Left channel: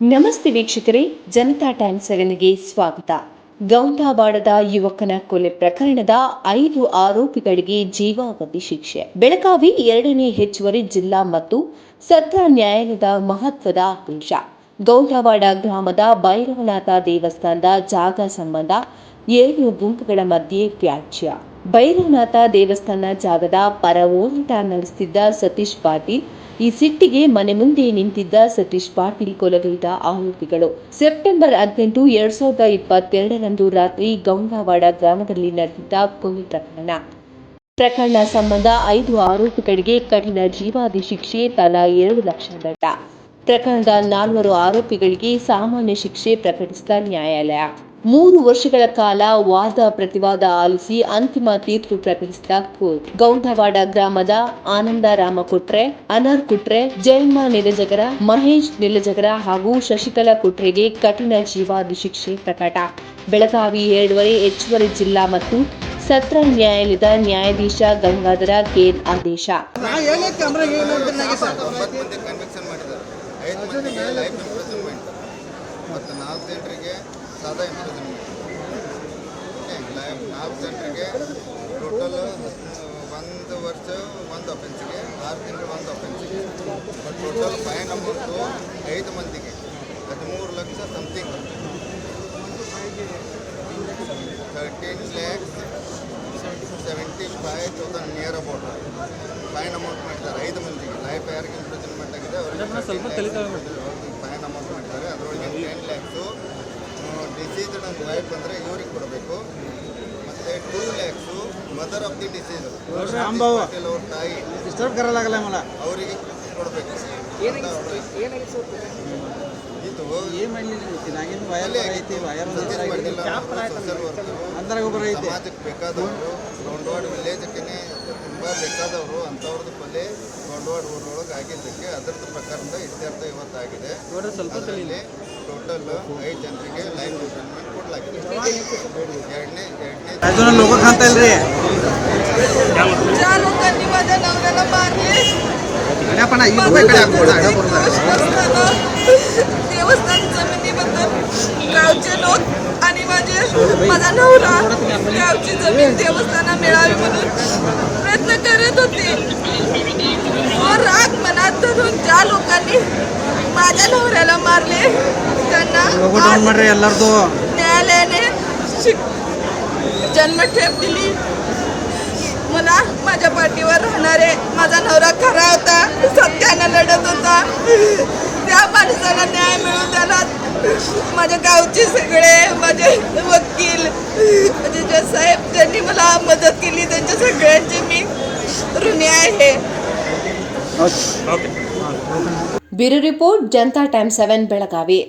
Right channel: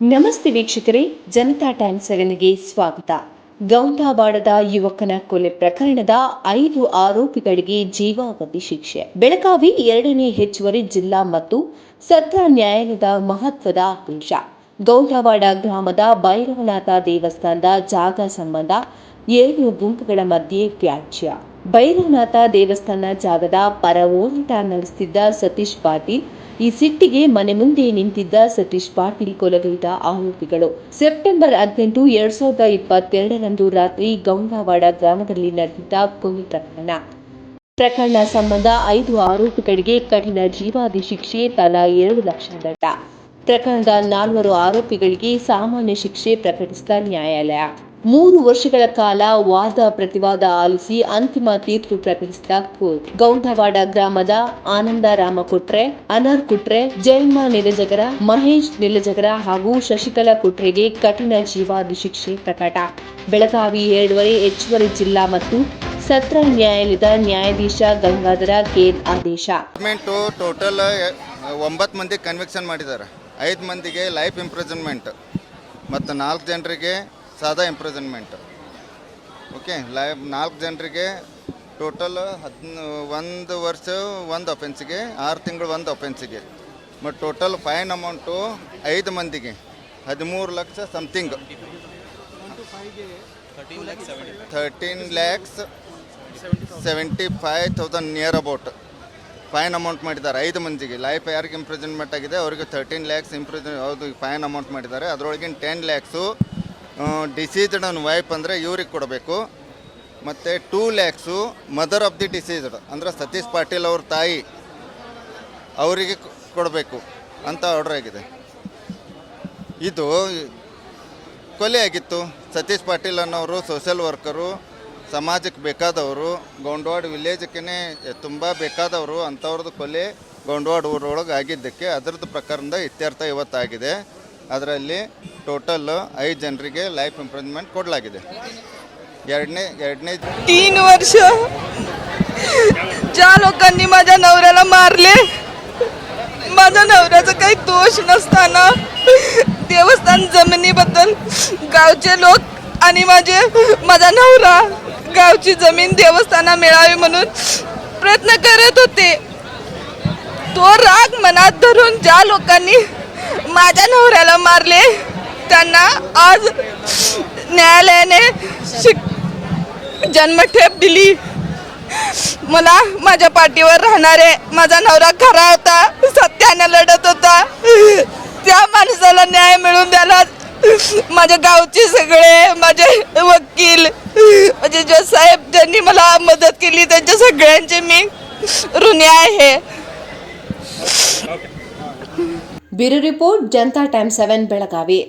ನಮಸ್ತೆ ವೀಕ್ಷಕರೇ, ಜನತಾ ಟೈಮ್ ಸೆವೆನ್ಗೆ ಸ್ವಾಗತ. ಗೌಂಡಾವಾಡದ ಯುವಕನ ಕೊಲೆ ಪ್ರಕರಣದ ಐದು ಆರೋಪಿಗಳಿಗೆ ಜೀವಾವಧಿ ಶಿಕ್ಷೆ. ಬೆಳಗಾವಿ ಎರಡನೇ ಹೆಚ್ಚುವರಿ ಜಿಲ್ಲಾ ಮತ್ತು ಸತ್ರ ನ್ಯಾಯಾಲಯದ ಮಹತ್ವದ ಆದೇಶ ಗೌಂಡಾವಾಡ ಗ್ರಾಮದ ಭೈರವನಾಥ ದೇವಸ್ಥಾನದ ಜಾಗ ಸಂಬಂಧ ಏಳು ಗುಂಪುಗಳ ಮಧ್ಯೆ ವ್ಯಾಜ್ಯ. ಭೈರವನಾಥ ದೇವಸ್ಥಾನ ಜಾಗದ ಪರ ಹೋರಾಟ ನಡೆಸುತ್ತಿದ್ದ ಸತೀಶ್ ಪಾಟೀಲ್ ಈ ಸಿಟ್ಟಿಗೆ ಮನೆ ಮುಂದೆ ನಿಂತಿದ್ದ ಸತೀಶ್ ಪಾಟೀಲ್ ಕೊಲೆಗೈದ ಆರೋಪಿಗಳು. ಸೆಪ್ಟೆಂಬರ್ ಹದಿನೆಂಟು, ಎರಡ್ ಸಾವಿರದ ಇಪ್ಪತ್ತೆರಡರಂದು ರಾತ್ರಿ ಗಂಗಾವಾಡ ಗ್ರಾಮದಲ್ಲಿ ನಡೆದಿದ್ದ ಕೊಲೆ ಪ್ರಕರಣ. ಪ್ರಕರಣ ಸಂಬಂಧ ಐದು ಆರೋಪಿಗಳಿಗೆ ಕಠಿಣ ಜೀವಾದಿ ಶಿಕ್ಷೆ, ತಲಾ ಎರಡು ಲಕ್ಷ ದಂಡ. ಪ್ರಕರಣದ ನಾಲ್ವರು ಆರೋಪಿಗಳಿಗೆ ಸಾಮಾನ್ಯ ಶಿಕ್ಷೆ ಪ್ರಕಟಿಸಿದ ನ್ಯಾಯಾಲಯ. ಮೂರು ವರ್ಷಗಳ ಕಾಲ ವಾದ ಪ್ರತಿವಾದ ಆಲಿಸಿ ಅಂತಿಮ ತೀರ್ಪು ಪ್ರಕಟಿಸಿದ ಕೋರ್ಟ್. ಗೌಂಡವಾಡ ಗ್ರಾಮದ ಆನಂದ ರಾಮ ಕುಟ್ರೆ ಅನರ್ ಕುಟ್ರೆ ಜಯಮ್ಮ ನಿಲಜಗರ ಮಹೇಶ್ ನಿಲಜಗರ ಹಾಗೂ ಶಶಿಕಲಾ ಕುಟ್ರೆಗೆ ಕಠಿಣ ಜೀವಾದಿ ಶಿಕ್ಷೆ ಪ್ರಕಟ. ಬೆಳಗಾವಿ ಎರಡುವರೆ ಹೆಚ್ಚುವರಿ ಜಿಲ್ಲಾ ಮತ್ತು ಸತ್ರ ನ್ಯಾಯಾಲಯದ ನ್ಯಾಯಾಧೀಶ ಗಂಗಾಧರ ಕೇರ್ ಆದೇಶ. ಮಂದಿ ಕನ್ವಿಕ್ಷನ್ ಮಾಡಿದ್ದಾರೆ. ಐದು ಮಂದಿಗೆ ಲೈಫ್ ಇಂಪ್ರಿಸನ್ಮೆಂಟ್ ಮತ್ತು ನಾಲ್ಕು ಜನರಿಗೆ ಸಾದಾ ಇಂಪ್ರೂಸ್ಮೆಂಟ್ ಓಕೆ ಲೈಫ್ ನಾಲ್ಕು ಜನರಿಗೆ ಟೋಟಲ್ ಒಂದು ವರ್ಷ ಒಂದು ಅಫೆನ್ಸಿಗೆ ಆರು ತಿಂಗಳು ಒಂದು ಅಫೆನ್ಸಿಗೆ ಬಟ್ ಟೋಟಲ್ ಫೈನ್ ಅಮೌಂಟು ಐದು ಮಂದಿಗೆ, ಹದಿಮೂರು lakh something thirteen lakhs seventy five thousand near about fine amount ಮಾಡಿದ್ದಾರೆ, ಐದು ಮಂದಿಗೆ. ಲೈಫ್ ಯಾರಿಗೆ ಇಂಪ್ರಿಸನ್ಮೆಂಟ್ ಆಗಿದೆ, ಅವರಿಗೆ ಥರ್ಟೀನ್ ಲ್ಯಾಕ್ಸ್ ಇಂಪ್ರೂಸ್ ಅವ್ರಿಗೆ ಫೈನ್ ಅಮೌಂಟ್ ಮಾಡಿದ್ದಾರೆ. ಅದರೊಳಗಿನ ಟೆನ್ ಲ್ಯಾಕ್ಸು ಡಿಸೀಸ್ಡ್ ನನ್ನ ವೈಫ್ ಅಂದರೆ ಇವ್ರಿಗೆ ಕೊಡಬೇಕು. ಮತ್ತು two lakhs mother of the deceased ಅಂದರೆ ಸತೀಶ್ ಪಾಟೀಲ್ ಅವ್ರ ತಾಯಿ. ಅವರಿಗೆ ಕೊಡಬೇಕು ಅಂತ ಆರ್ಡರ್ ಆಗಿದೆ. ಇದು ಕೊಲೆ ಆಗಿತ್ತು ಸತೀಶ್ ಪಾಟೀಲ್ ಅನ್ನೋರು ಸೋಷಿಯಲ್ ವರ್ಕರು ಸಮಾಜಕ್ಕೆ ಬೇಕಾದವರು ಗೊಂಡವಾಡ ವಿಲೇಜಕ್ಕೆ ತುಂಬ ಬೇಕಾದವರು ಅಂಥವ್ರದ್ದು ಕೊಲೆ ಗೊಂಡವಾಡ ಊರೊಳಗೆ ಆಗಿದ್ದಕ್ಕೆ ಅದರದ್ದು ಪ್ರಕರಣದ ಇತ್ಯರ್ಥ ಇವತ್ತಾಗಿದೆ ಅದರಲ್ಲಿ ಟೋಟಲ್ ಐದು ಜನರಿಗೆ ಲೈಫ್ ಇಂಪ್ರಿಸ್ಮೆಂಟ್ ಕೊಡಲಾಗಿದೆ ಎರಡನೇ ಎರಡನೇ तीन वर्ष ज्या लोकांनी माझ्या नवऱ्याला मारले माझ्या नवऱ्याचा काही दोष नसताना देवस्थान जमिनीबद्दल गावचे लोक आणि माझे माझा नवरा गावची जमीन देवस्थाना मिळावी म्हणून प्रयत्न करत होते. तो राग मनात धरून ज्या लोकांनी माझ्या नवऱ्याला मारले त्यांना आज न्यायालयाने शिक जन्मठेप दिली. मला माझ्या पाठीवर राहणारे माझा नवरा खरा होता सत्यानं लढत होता त्या माणसाला न्याय मिळून द्यायला माझ्या गावचे सगळे माझे वकील माझे जे साहेब ज्यांनी मला मदत केली त्यांच्या सगळ्यांचे मी ऋणी आहे bureau report Janata time seven Belagavi